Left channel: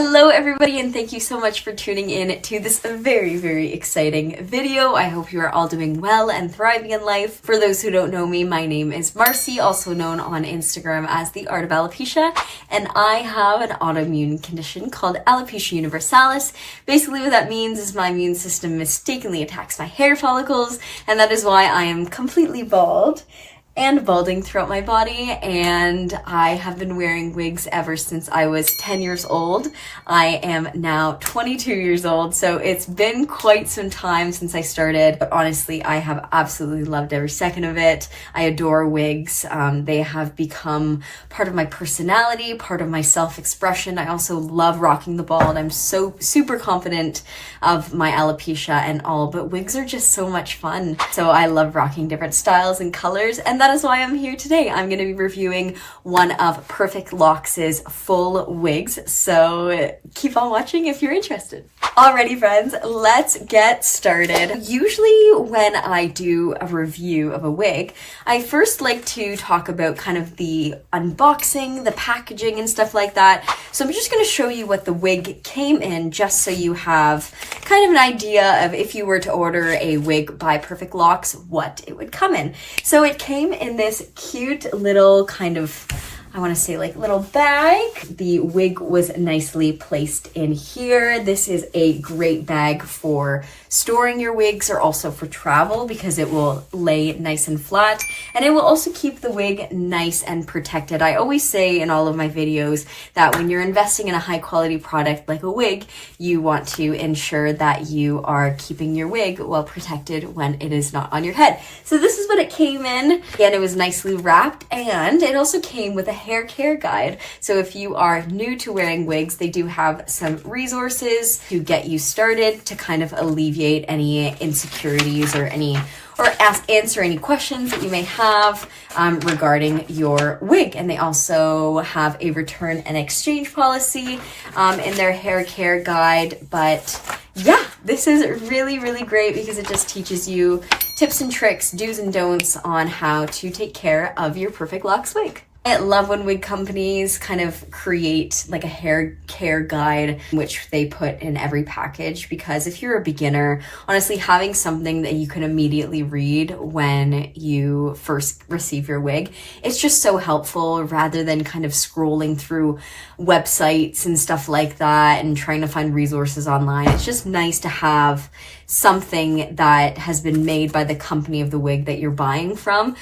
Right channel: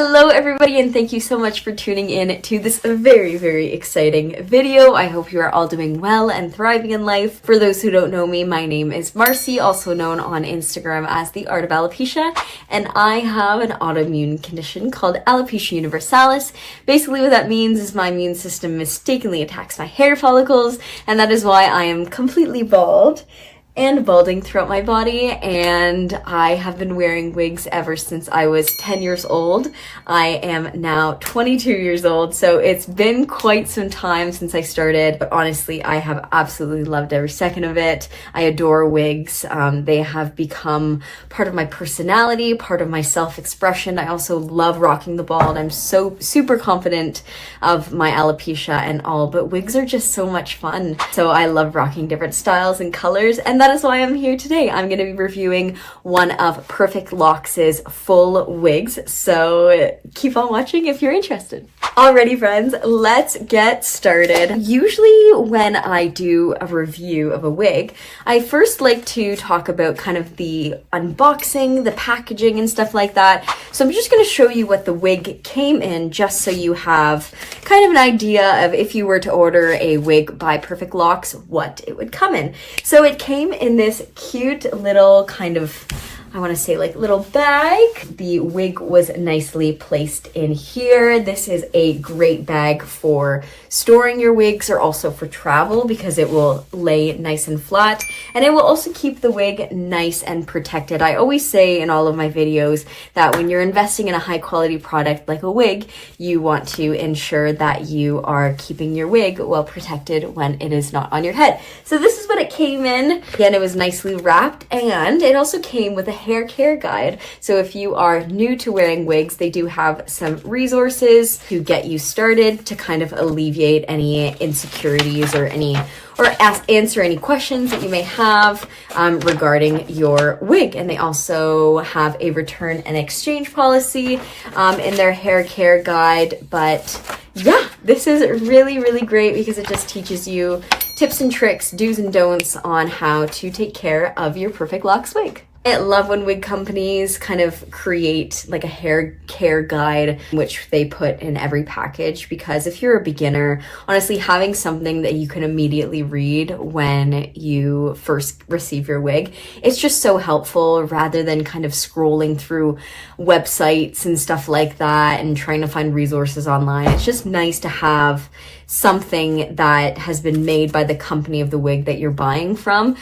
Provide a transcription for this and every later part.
Hello everybody, and thank you so much for tuning in to this very exciting video. I hope you are all doing well and thriving in life. For those who don't know me, my name is Marcy, also known on Instagram as The Art of Alopecia, and I have an autoimmune condition called Alopecia universalis. Basically what that means is my immune system mistakenly attacks my hair follicles, and that is why I am completely bald and balding throughout my body, and I have been wearing wigs ever since I was 10 years old. I am now 22 years old, so it's been quite some time since I started, but honestly, I have absolutely loved every second of it. I adore wigs. They have become part of my personality, part of my self-expression. I also love rocking the bald. I'm so super confident of my alopecia and all, but wigs are just so much fun. So I love rocking different styles and colors, and that is why I'm here today. I'm going to be reviewing one of Perfect Locks' full wigs, so keep on watching if you're interested. Alrighty friends, let's get started. Usually when I do a review of a wig, I first like to talk about kind of the unboxing, the packaging and stuff like that. So I'm just going to show you what the wig came in, just so you have kind of an idea of if you were to order a wig by Perfect Locks, what it would come in. So it came in this cute little kind of, I want to say like little bag. The wig was nicely placed in here. This is a great bag for storing your wigs or also for travel because it will lay nice and flat, and it will also keep the wig nice and protected. I always say in all of my videos that when you're investing in a high quality product like a wig, you want to ensure that you are keeping your wig well protected when it is not on your head. So this is what it came in. Again, it was nicely wrapped, and it also came with a hair care guide. So if you are new to wearing wigs, they do have some resources to get you started to kind of alleviate any insecurities or answer any questions that you may have regarding your wig. And they also have a return and exchange policy in their hair care guide. But yeah, this is really great because it just teaches you tips and tricks, do's and don'ts on how to take care of your Perfect Locks wig. I love when wig companies kind of create like a hair care guide, which they put in every package, because if you're a beginner, honestly, having something that you can immediately read when you first receive your wig, it's just so helpful rather than kind of scrolling through websites and stuff like that and trying to find resources online. It's just nice to have something that has been made by the company of the wig that you're buying from,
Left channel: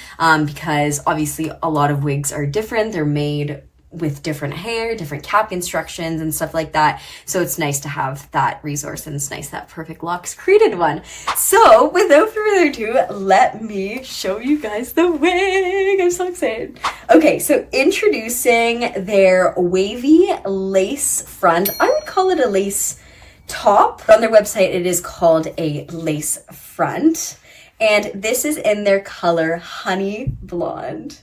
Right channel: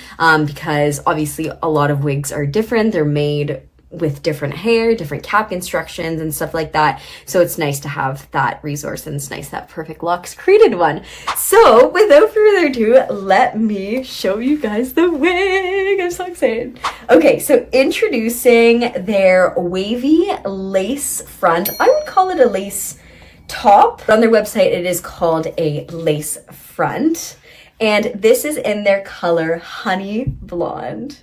because obviously a lot of wigs are different. They're made with different hair, different cap instructions and stuff like that. So it's nice to have that resource, and it's nice that Perfect Locks created one. So without further ado, let me show you guys the wig. I'm so excited. Okay, so introducing their wavy lace front. I would call it a lace top. On their website, it is called a lace front, and this is in their color Honey Blonde.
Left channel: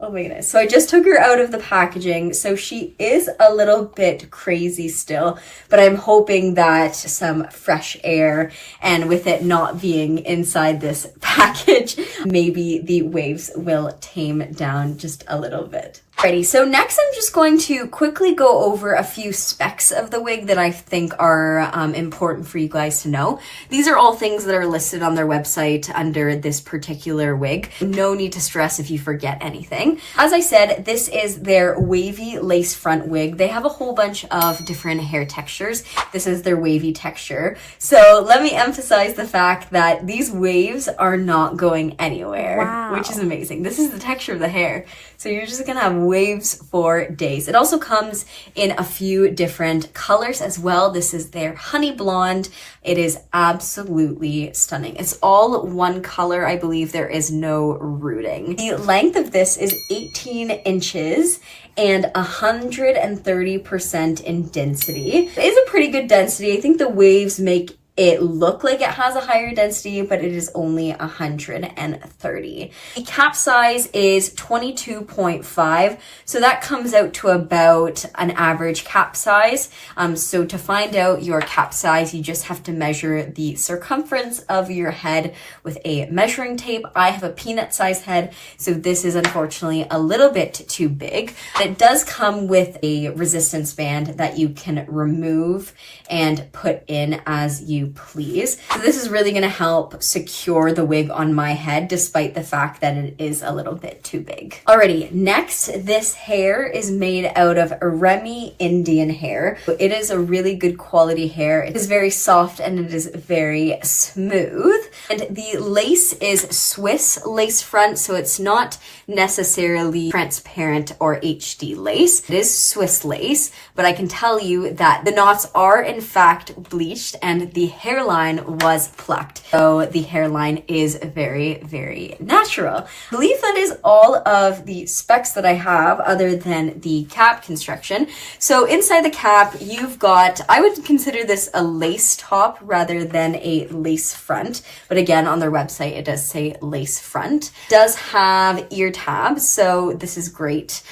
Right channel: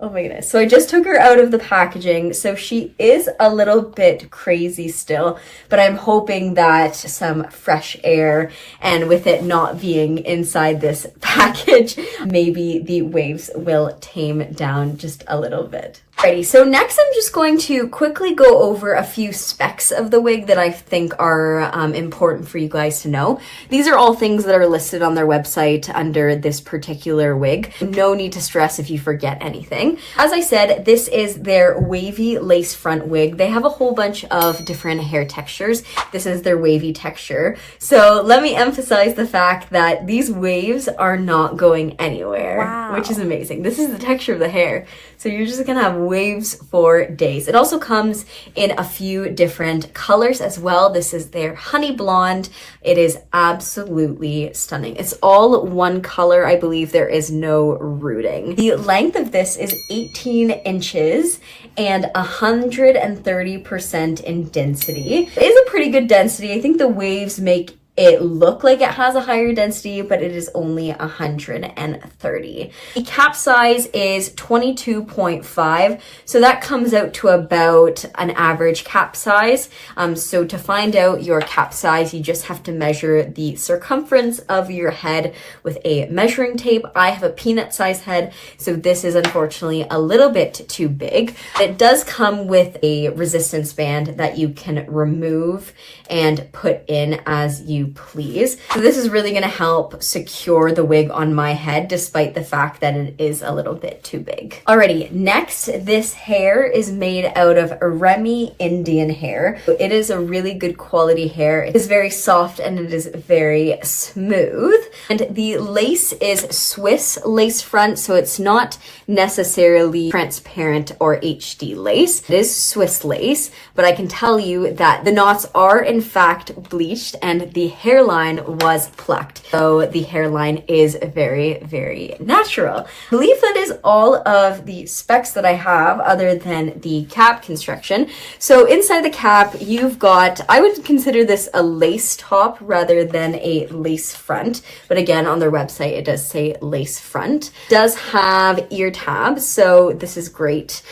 Oh my goodness. So I just took her out of the packaging, so she is a little bit crazy still, but I'm hoping that some fresh air, and with it not being inside this package, maybe the waves will tame down just a little bit. Alrighty, so next I'm just going to quickly go over a few specs of the wig that I think are important for you guys to know. These are all things that are listed on their website under this particular wig. No need to stress if you forget anything. As I said, this is their wavy lace front wig. They have a whole bunch of different hair textures. This is their wavy texture. So let me emphasize the fact that these waves are not going anywhere, wow, which is amazing. This is the texture of the hair. So you're just gonna have waves for days. It also comes in a few different colors as well. This is their Honey Blonde. It is absolutely stunning. It's all one color. I believe there is no rooting. The length of this is 18 inches and 130% in density. It is a pretty good density. I think the waves make it look like it has a higher density, but it is only 130. The cap size is 22.5, so that comes out to about an average cap size. So to find out your cap size, you just have to measure the circumference of your head with a measuring tape. I have a peanut size head, so this is unfortunately a little bit too big. It does come with a resistance band that you can remove and put in as you please. So this is really going to help secure the wig on my head, despite the fact that it is a little bit too big. Alrighty, next, this hair is made out of Remy Indian hair. It is a really good quality hair. It is very soft and it is very smooth. And the lace is Swiss lace front, so it's not necessarily transparent or HD lace. It is Swiss lace, but I can tell you that the knots are in fact bleached and the hairline was plucked. So the hairline is very, very natural. I believe that is all of the specs that I have other than the cap construction. So inside the cap, you've got, I would consider this a lace top rather than a lace front. But again, on their website, it does say lace front. It does have ear tabs. So this is great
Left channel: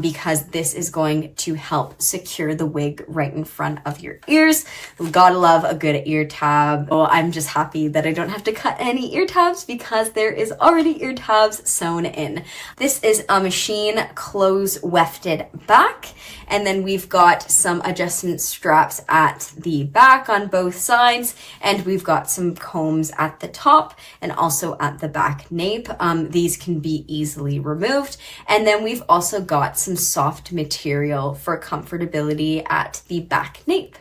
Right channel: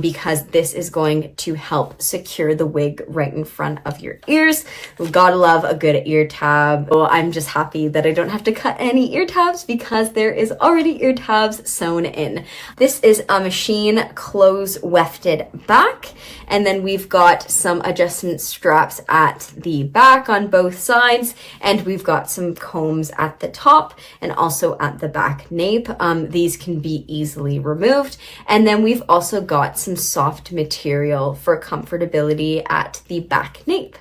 because this is going to help secure the wig right in front of your ears. Gotta love a good ear tab. Well, I'm just happy that I don't have to cut any ear tabs because there is already ear tabs sewn in. This is a machine close wefted back, and then we've got some adjustment straps at the back on both sides, and we've got some combs at the top and also at the back nape. These can be easily removed, and then we've also got some soft material for comfortability at the back nape.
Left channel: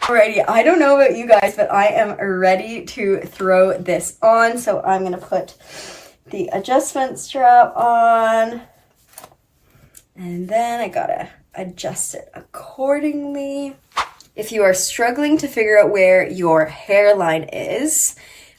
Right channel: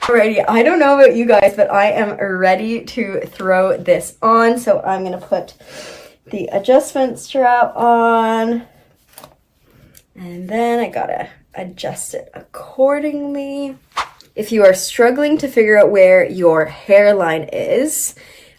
Alrighty, I don't know about you guys, but I am ready to throw this on. So I'm going to put the adjustment strap on, and then I gotta adjust it accordingly. If you are struggling to figure out where your hairline is,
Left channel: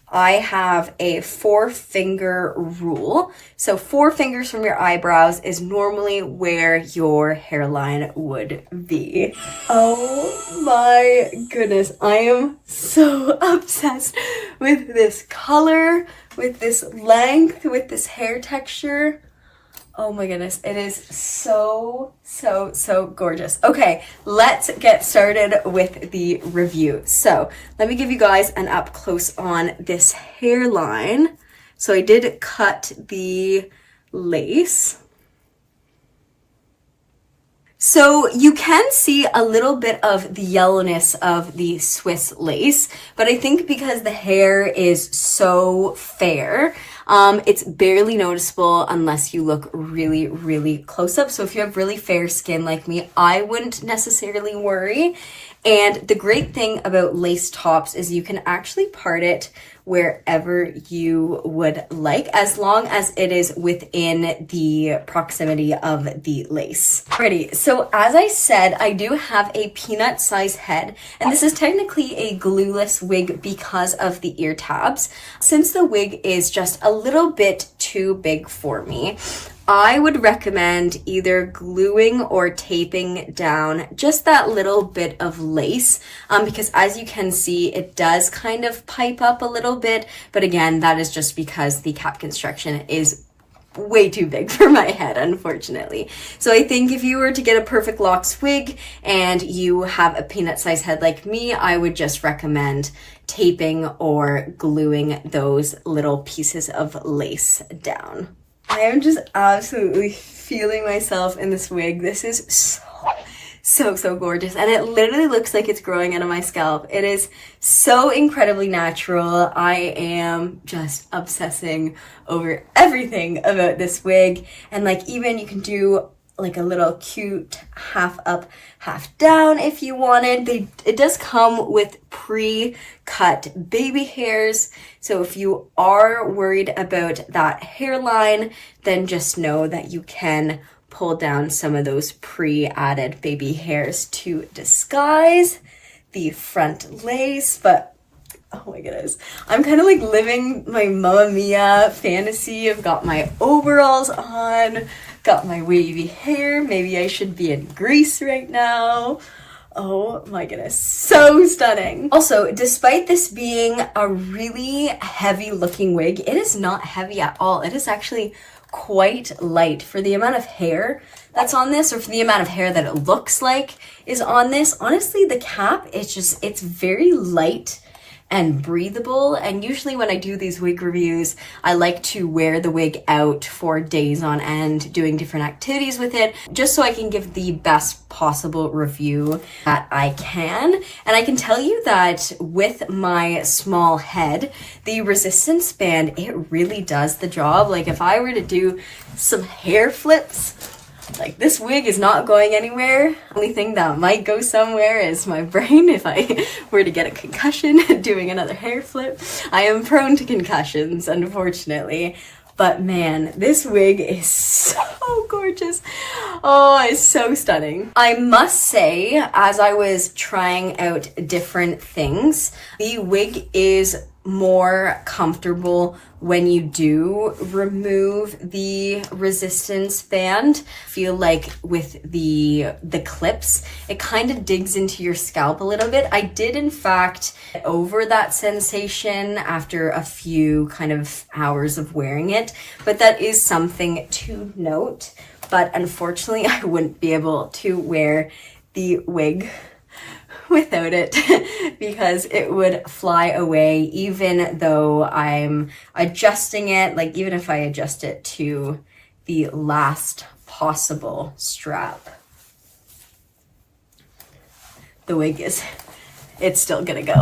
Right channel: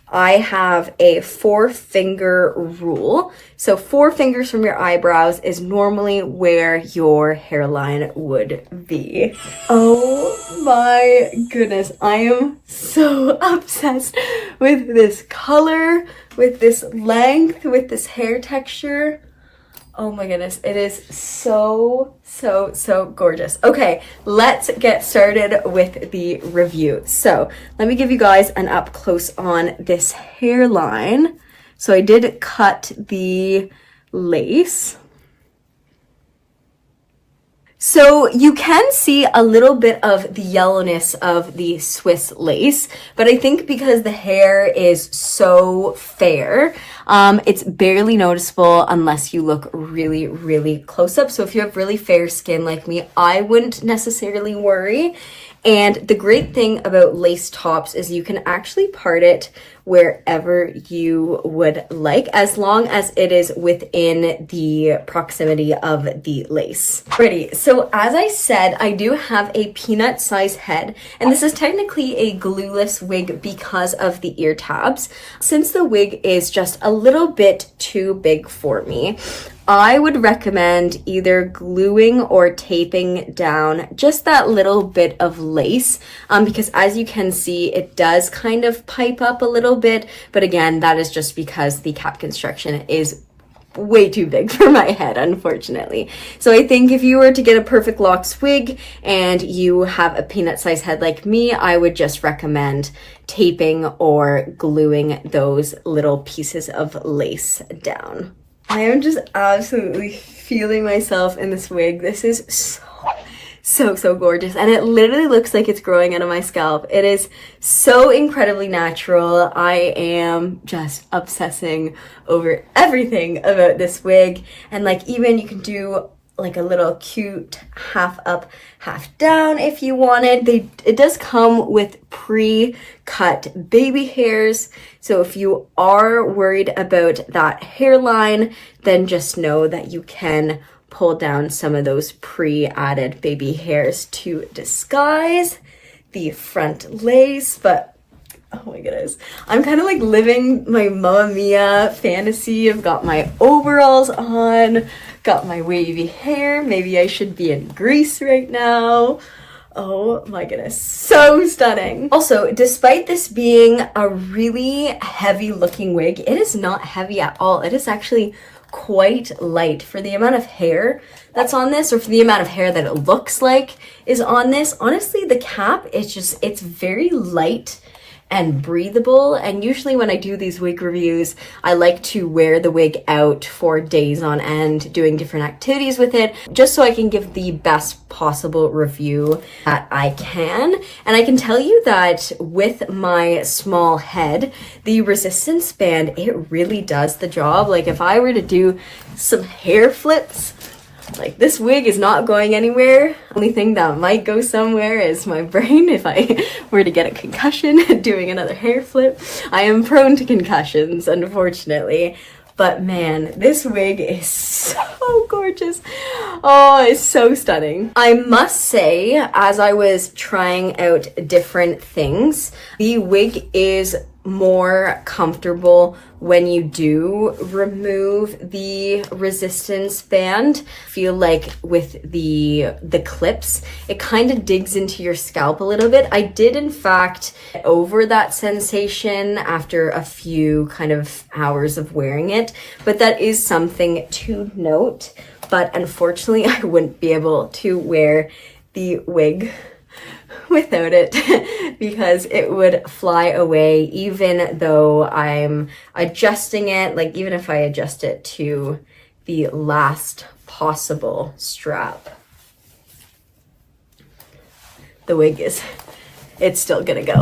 I have a 4-finger rule. So 4 fingers from your eyebrows is normally where your hairline would be. Oh my goodness, I am so obsessed with this color, with this length, with this hair texture. Oh my goodness, it is so gorgeous. Okay, let's get started with the review. So let me give you guys an up close on this hairline. So I did cut the lace. So you can see a little bit of the yellowness of the Swiss lace, but I think because the hair is so fair, it's barely noticeable unless you look really, really close up. So if you have really fair skin like me, I wouldn't necessarily worry. And the great thing about lace tops is you can actually part it wherever you would like, as long as it is within the proximity of the lace. Alrighty, so as I said, I do have a peanut size head, and this is technically a glueless wig because of the ear tabs. Since the wig is just a little bit too big for me, I would recommend either gluing or taping down just that little bit of lace because as you can see, it does kind of pipe up a little bit. But again, that is just because the cap construction is way too big for my head, unfortunately. So I think if you were to get a perfect locks wig and you have a peanut size head like me, I would just recommend taping or gluing those little pieces of lace down. I am just absolutely feeling myself in this wig. This is so gorgeous, and it literally looks like it's growing out of my scalp. It is so incredibly natural. I am just obsessing over everything about this wig, and like even you can do like a little cute half up, half down if you wanted. It does come with pre-cut baby hairs. So if you are worried about that hairline, then just know that you can pull down some of those pre-added baby hairs to disguise the front lace. But oh my goodness, I'm kind of like living my Mamma Mia fantasy. I've got my overalls on, got my wavy hair. Maybe I should be in Greece right now. Oh my goodness, so stunning. Also, despite this being a really heavy looking wig, it is not heavy at all. It is actually quite light for the amount of hair that's on this, or for the amount of hair that it looks like is on this. Honestly, the cap, it's very light and breathable. And usually when I do these wig reviews, I like to wear the wig out for days on end, doing different activities with it, just so I can give the best possible review that I can. And I can tell you that with my small head, the resistance band, it really does the job. Like if I were to do some hair flips, like this wig is not going anywhere. Only thing that might go somewhere is my brain if I were to get a concussion doing another hair flip. I am prone to concussions, unfortunately. But man, this wig is so gorgeous. Oh, it's so stunning. I must say, as I was trying out different things, the wig is more comfortable when you do remove the resistance band. I feel like with the clips, it kind of digs into your scalp a little bit. I did in fact get over that sensation after a few kind of hours of wearing it, but that is something to note. But unfortunately, I wouldn't be able to wear the wig without it because it would fly away, even though I'm adjusting it. Like even if I adjust it to the last possible strap, the wig it's still gonna go.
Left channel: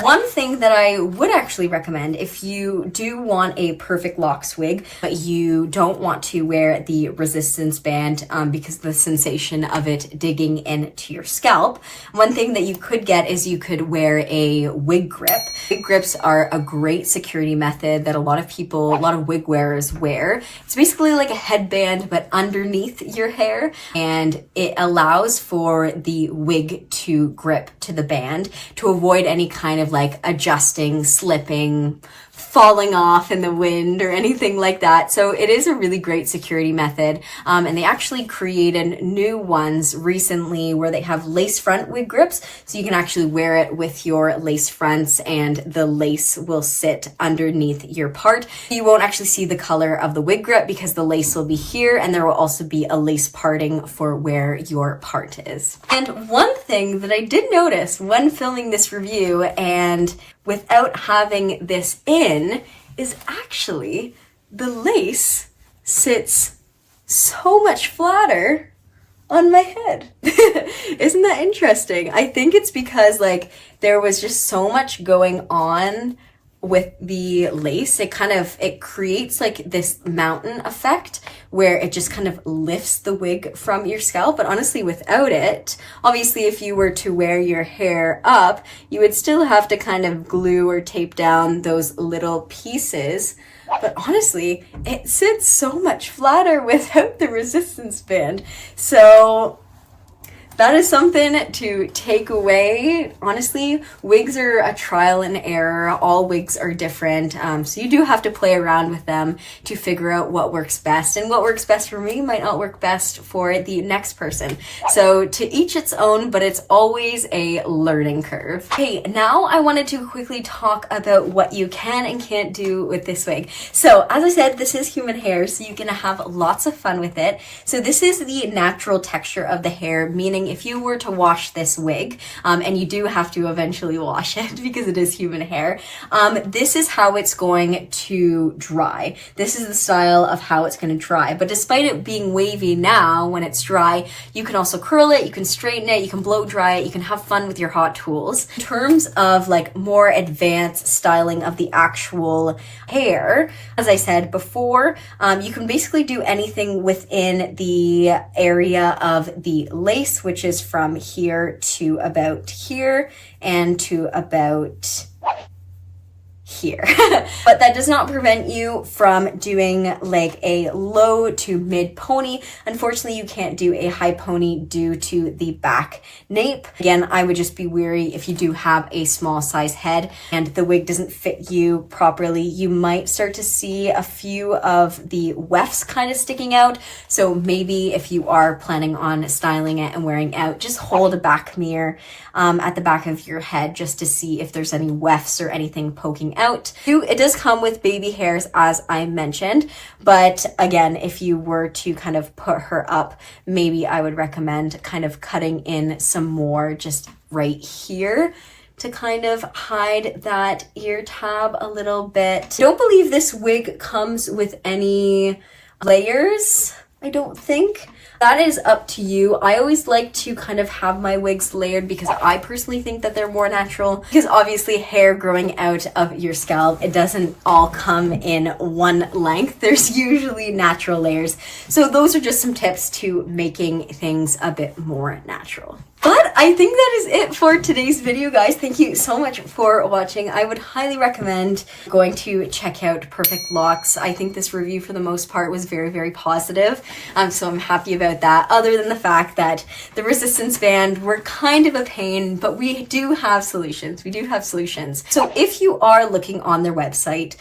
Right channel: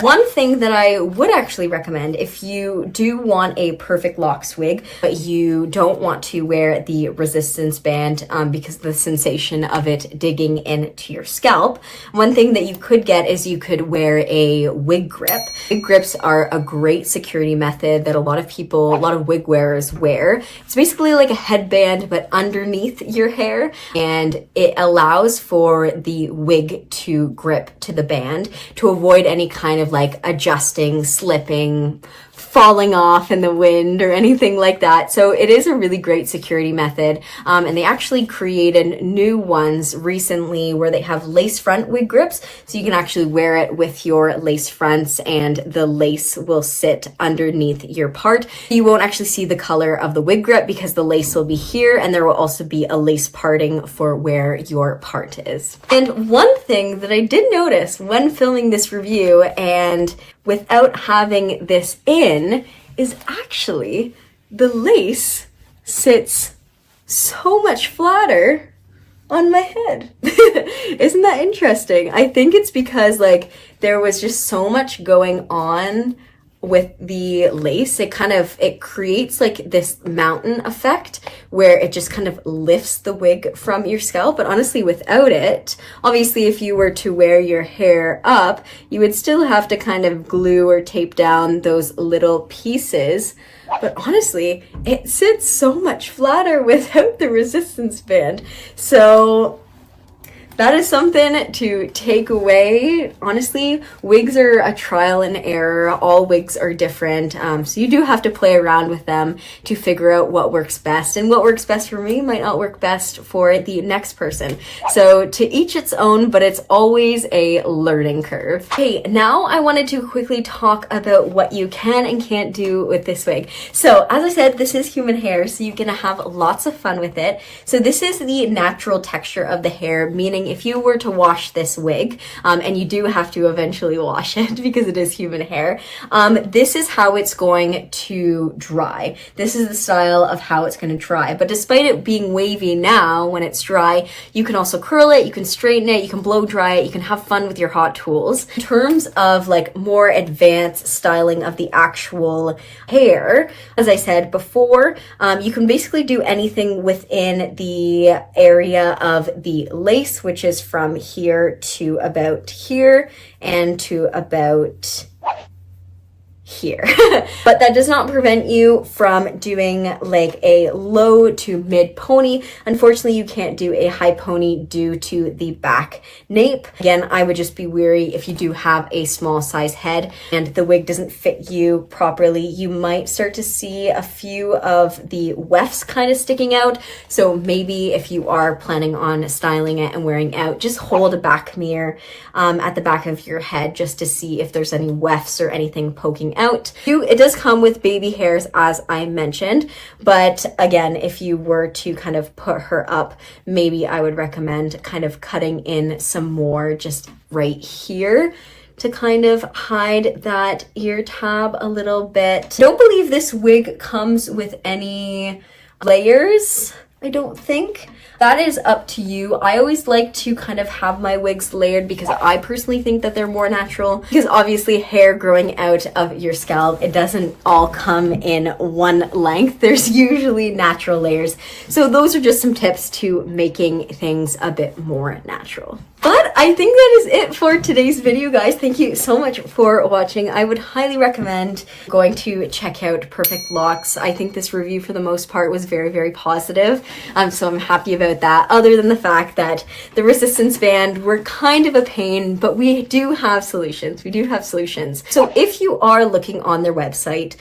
One thing that I would actually recommend if you do want a perfect locks wig, but you don't want to wear the resistance band because of the sensation of it digging into your scalp, one thing that you could get is you could wear a wig grip. Wig grips are a great security method that a lot of wig wearers wear. It's basically like a headband, but underneath your hair, and it allows for the wig to grip to the band to avoid any kind of like adjusting, slipping, falling off in the wind or anything like that. So it is a really great security method. And they actually created new ones recently where they have lace front wig grips. So you can actually wear it with your lace fronts and the lace will sit underneath your part. You won't actually see the color of the wig grip because the lace will be here, and there will also be a lace parting for where your part is. And one thing that I did notice when filming this review and without having this in is actually the lace sits so much flatter on my head. Isn't that interesting? I think it's because like there was just so much going on with the lace. It creates like this mountain effect where it just kind of lifts the wig from your scalp. But honestly, without it, obviously if you were to wear your hair up, you would still have to kind of glue or tape down those little pieces. But honestly, it sits so much flatter without the resistance band. So that is something to take away. Honestly, wigs are a trial and error. All wigs are different. So you do have to play around with them to figure out what works best. And what works best for me might not work best for the next person. So to each its own, but it's always a learning curve. Okay, now I wanted to quickly talk about what you can and can't do with this wig. So as I said, this is human hair, so you're gonna have lots of fun with it. So this is the natural texture of the hair, meaning if you were to wash this wig, and you do have to eventually wash it because it is human hair, this is how it's going to dry. This is the style of how it's going to dry. But despite it being wavy now, when it's dry, you can also curl it, you can straighten it, you can blow dry it, you can have fun with your hot tools. In terms of like more advanced styling of the actual hair, as I said before, you can basically do anything within the area of the lace, which is from here to about here and to about here. But that does not prevent you from doing like a low to mid pony. Unfortunately, you can't do a high pony due to the back nape. Again, I would just be wary if you do have a small size head and the wig doesn't fit you properly. You might start to see a few of the wefts kind of sticking out. So maybe if you are planning on styling it and wearing out, just hold a back mirror at the back of your head just to see if there's any wefts or anything poking out. It does come with baby hairs, as I mentioned, but again, if you were to kind of put her up, maybe I would recommend kind of cutting in some more just right here to kind of hide that ear tab a little bit. I don't believe this wig comes with any layers, I don't think. That is up to you. I always like to kind of have my wigs layered because I personally think that they're more natural, because obviously hair growing out of your scalp, it doesn't all come in one length. There's usually natural layers. So those are just some tips to making things a bit more natural. But I think that is it for today's video, guys. Thank you so much for watching. I would highly recommend going to check out Perfect Locks. I think this review for the most part was very, very positive. So I'm happy about that, other than the fact that the resistance band were kind of a pain, but we do have solutions. We do have solutions. So if you are looking on their website,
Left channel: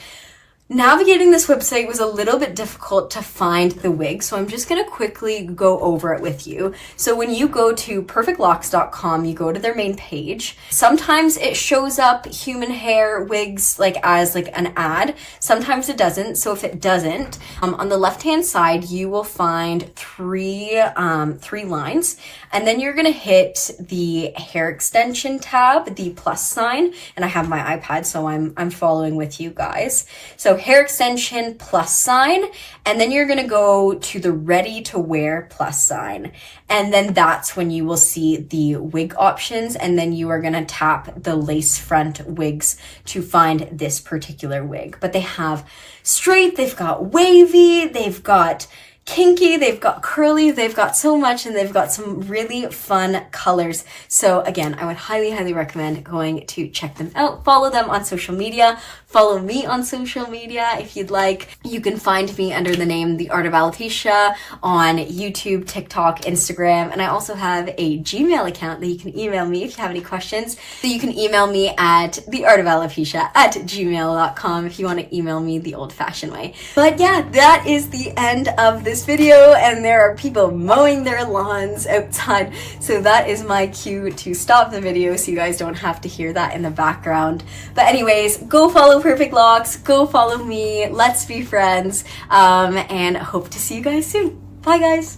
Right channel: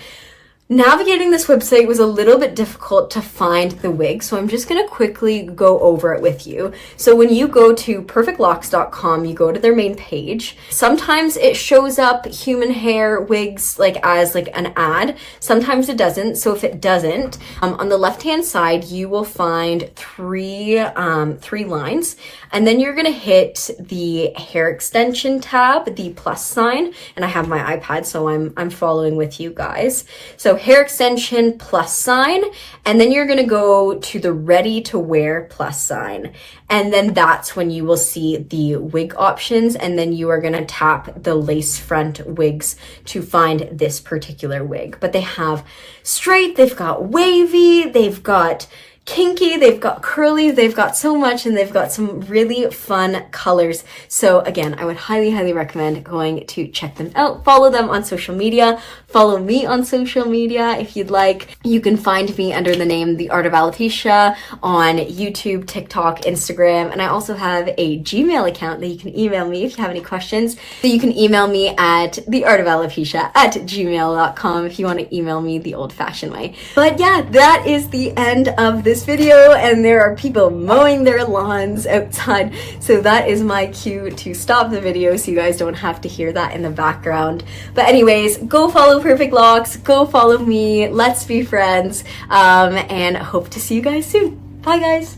navigating this website was a little bit difficult to find the wig, so I'm just going to quickly go over it with you. So when you go to perfectlocks.com, you go to their main page. Sometimes it shows up human hair wigs like as like an ad. Sometimes it doesn't. So if it doesn't, on the left-hand side, you will find three lines, and then you're going to hit the hair extension tab, the plus sign, and I have my iPad, so I'm following with you guys. So hair extension plus sign, and then you're going to go to the ready to wear plus sign, and then that's when you will see the wig options, and then you are going to tap the lace front wigs to find this particular wig. But they have straight, they've got wavy, they've got kinky, they've got curly, they've got so much, and they've got some really fun colors. So again, I would highly, highly recommend going to check them out. Follow them on social media. Follow me on social media if you'd like. You can find me under the name The Art of Alopecia on YouTube, TikTok, Instagram, and I also have a Gmail account that you can email me if you have any questions. So you can email me at theartofalopecia@gmail.com if you want to email me the old-fashioned way. But yeah, that is the end of this video, and there are people mowing their lawns outside, so that is my cue to stop the video so you guys don't have to hear that in the background. But anyways, go follow Perfect Locks, go follow me, let's be friends, and hope to see you guys soon. Bye guys.